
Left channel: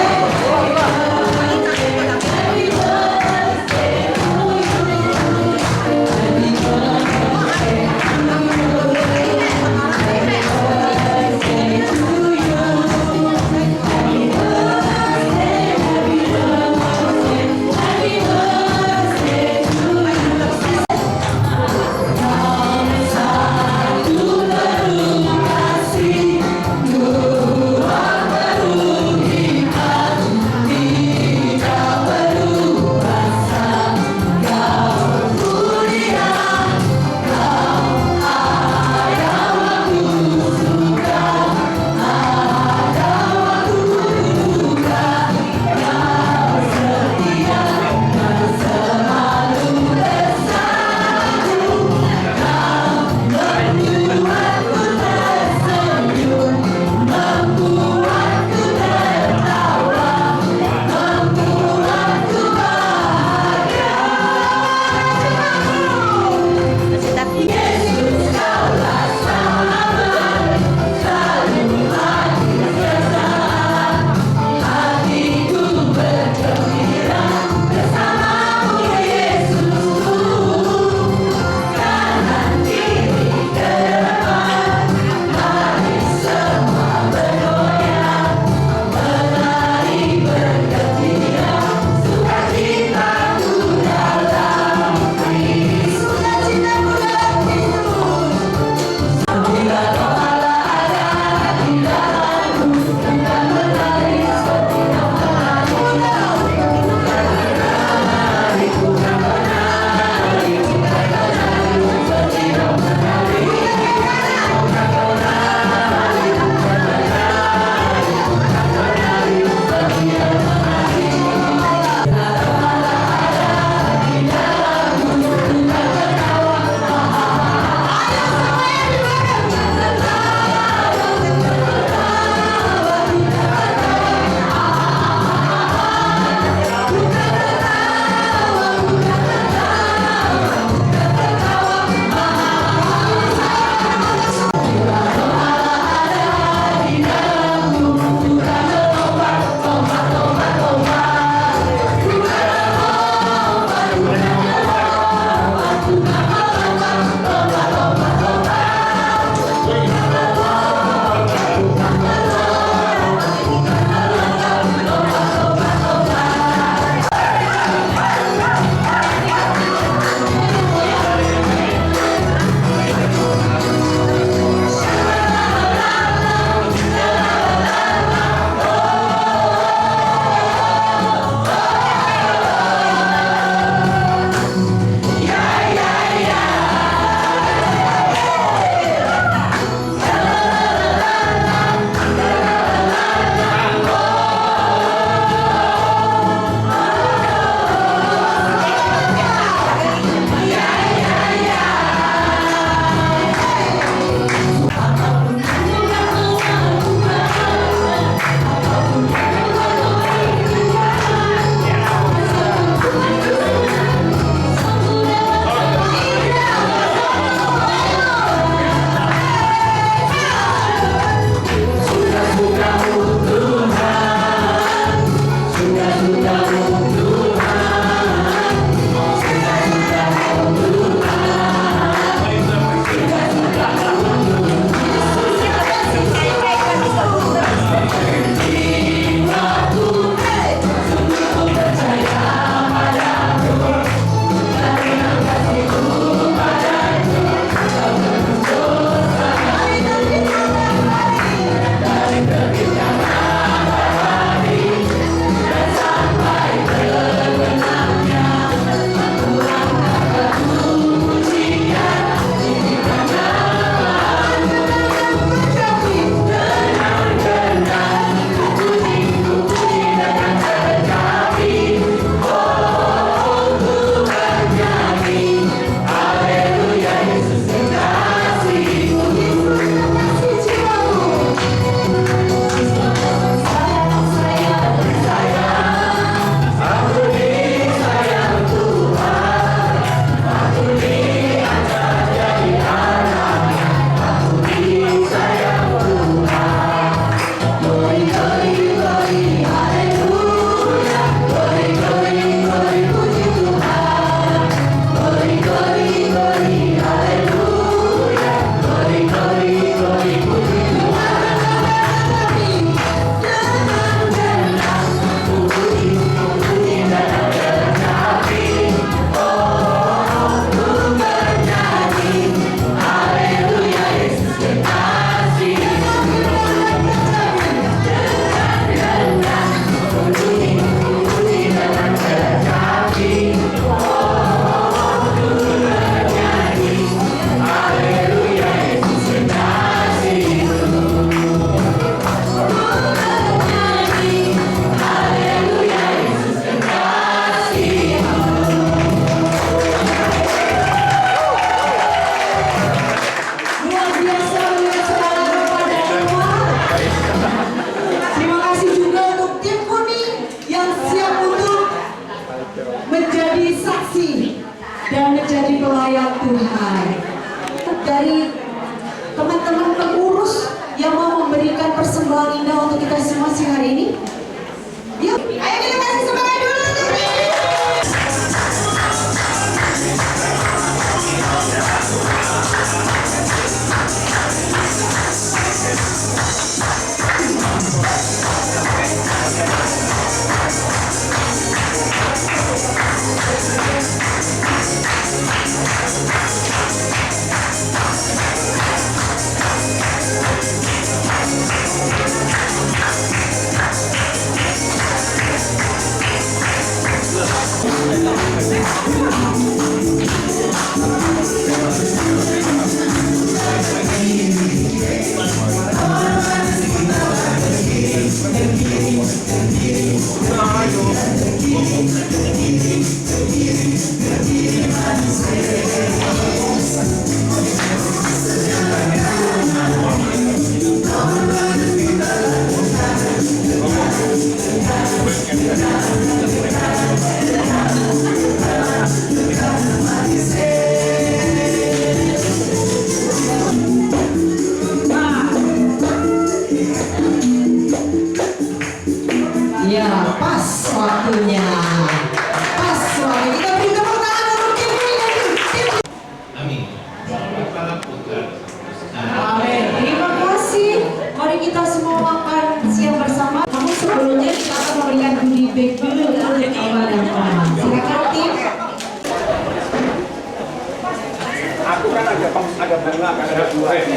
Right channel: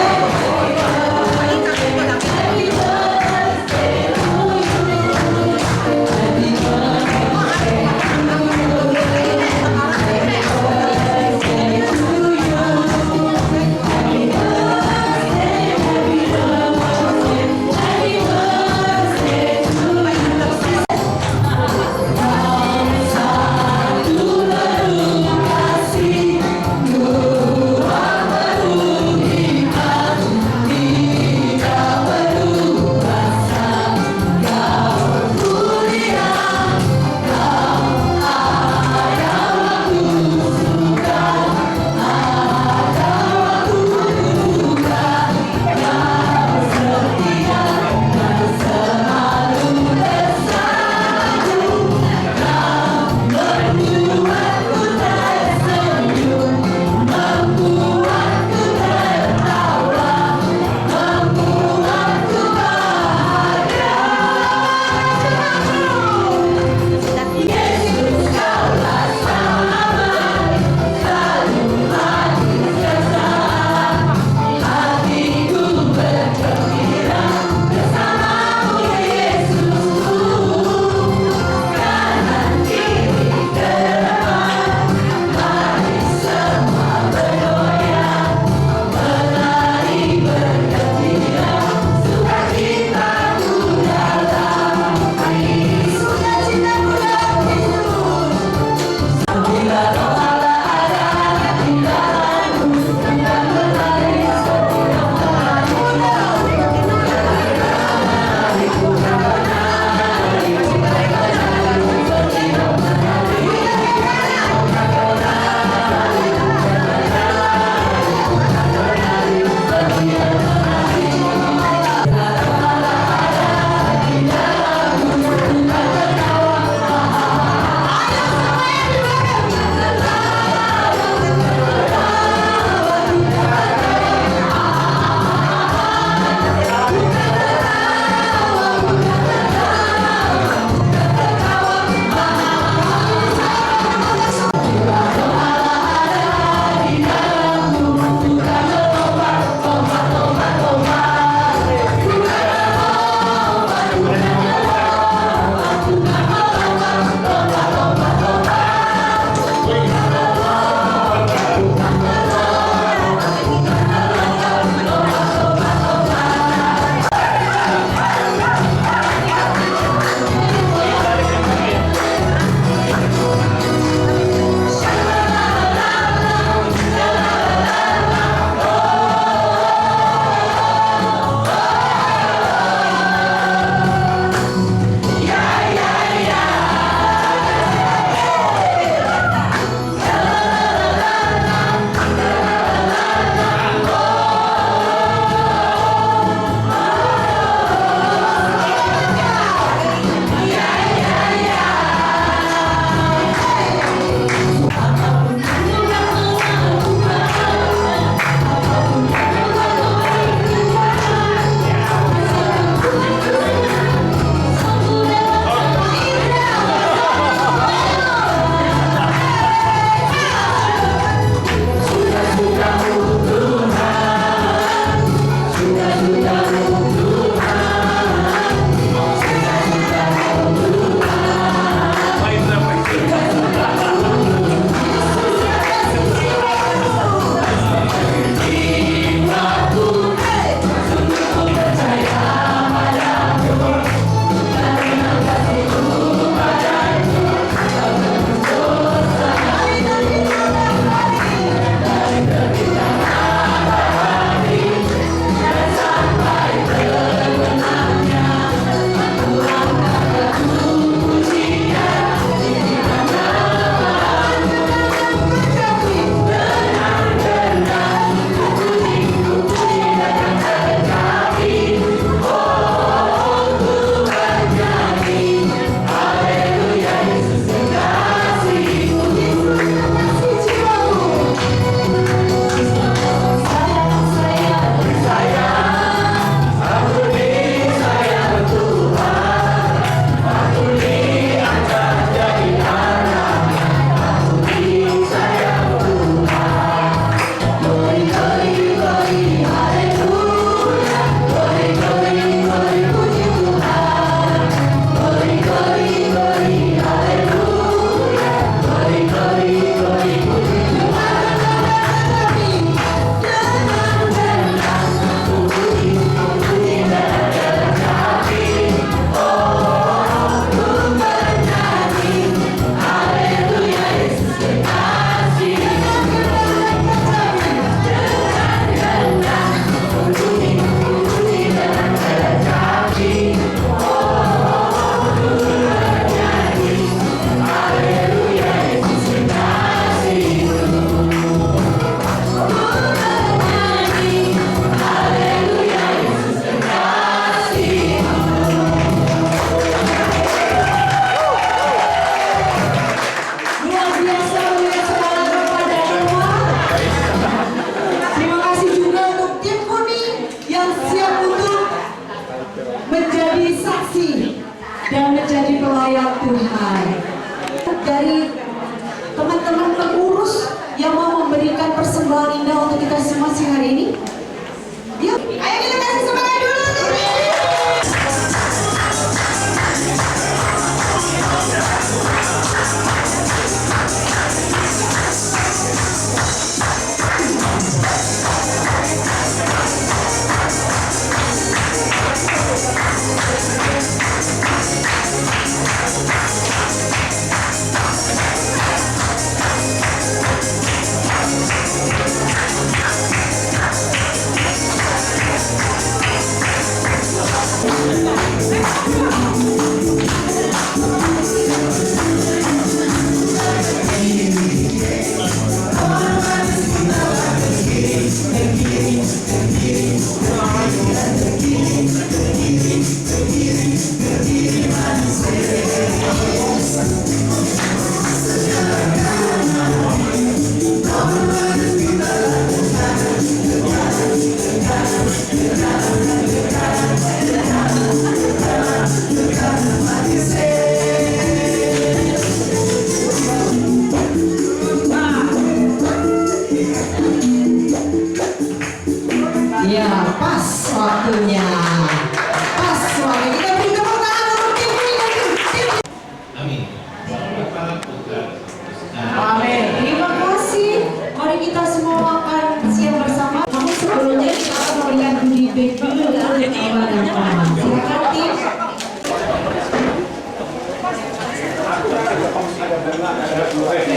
Ibu,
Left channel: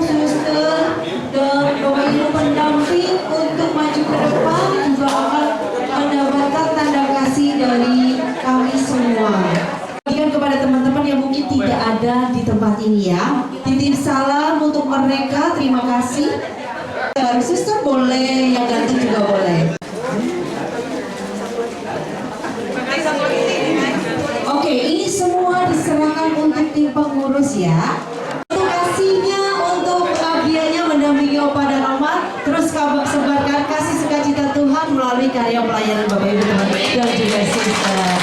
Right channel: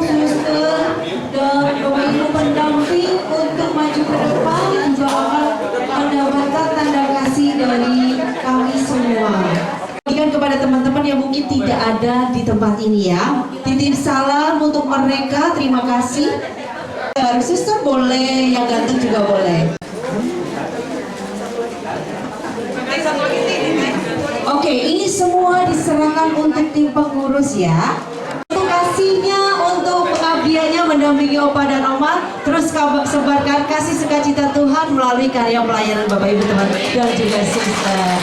suster, dan Bapak Ibu pendamping untuk maju ke depan juga akan mendapatkan tanda kasih dari kami semua. Berikan kepada teman-teman yang mungkin tidak ada di tempat ini ya. Titip salam untuk mereka, terima kasih. Suster boleh, yang ganteng juga boleh. Oke, ini semua diserahkan untuk tim pengurus ya. Terima kasihnya untuk pengabdiannya mendampingi Opa dan Oma. Terus sebarkan kasih sukacita Tuhan melalui karya pelayanan Bapak Ibu teman dan juga suster.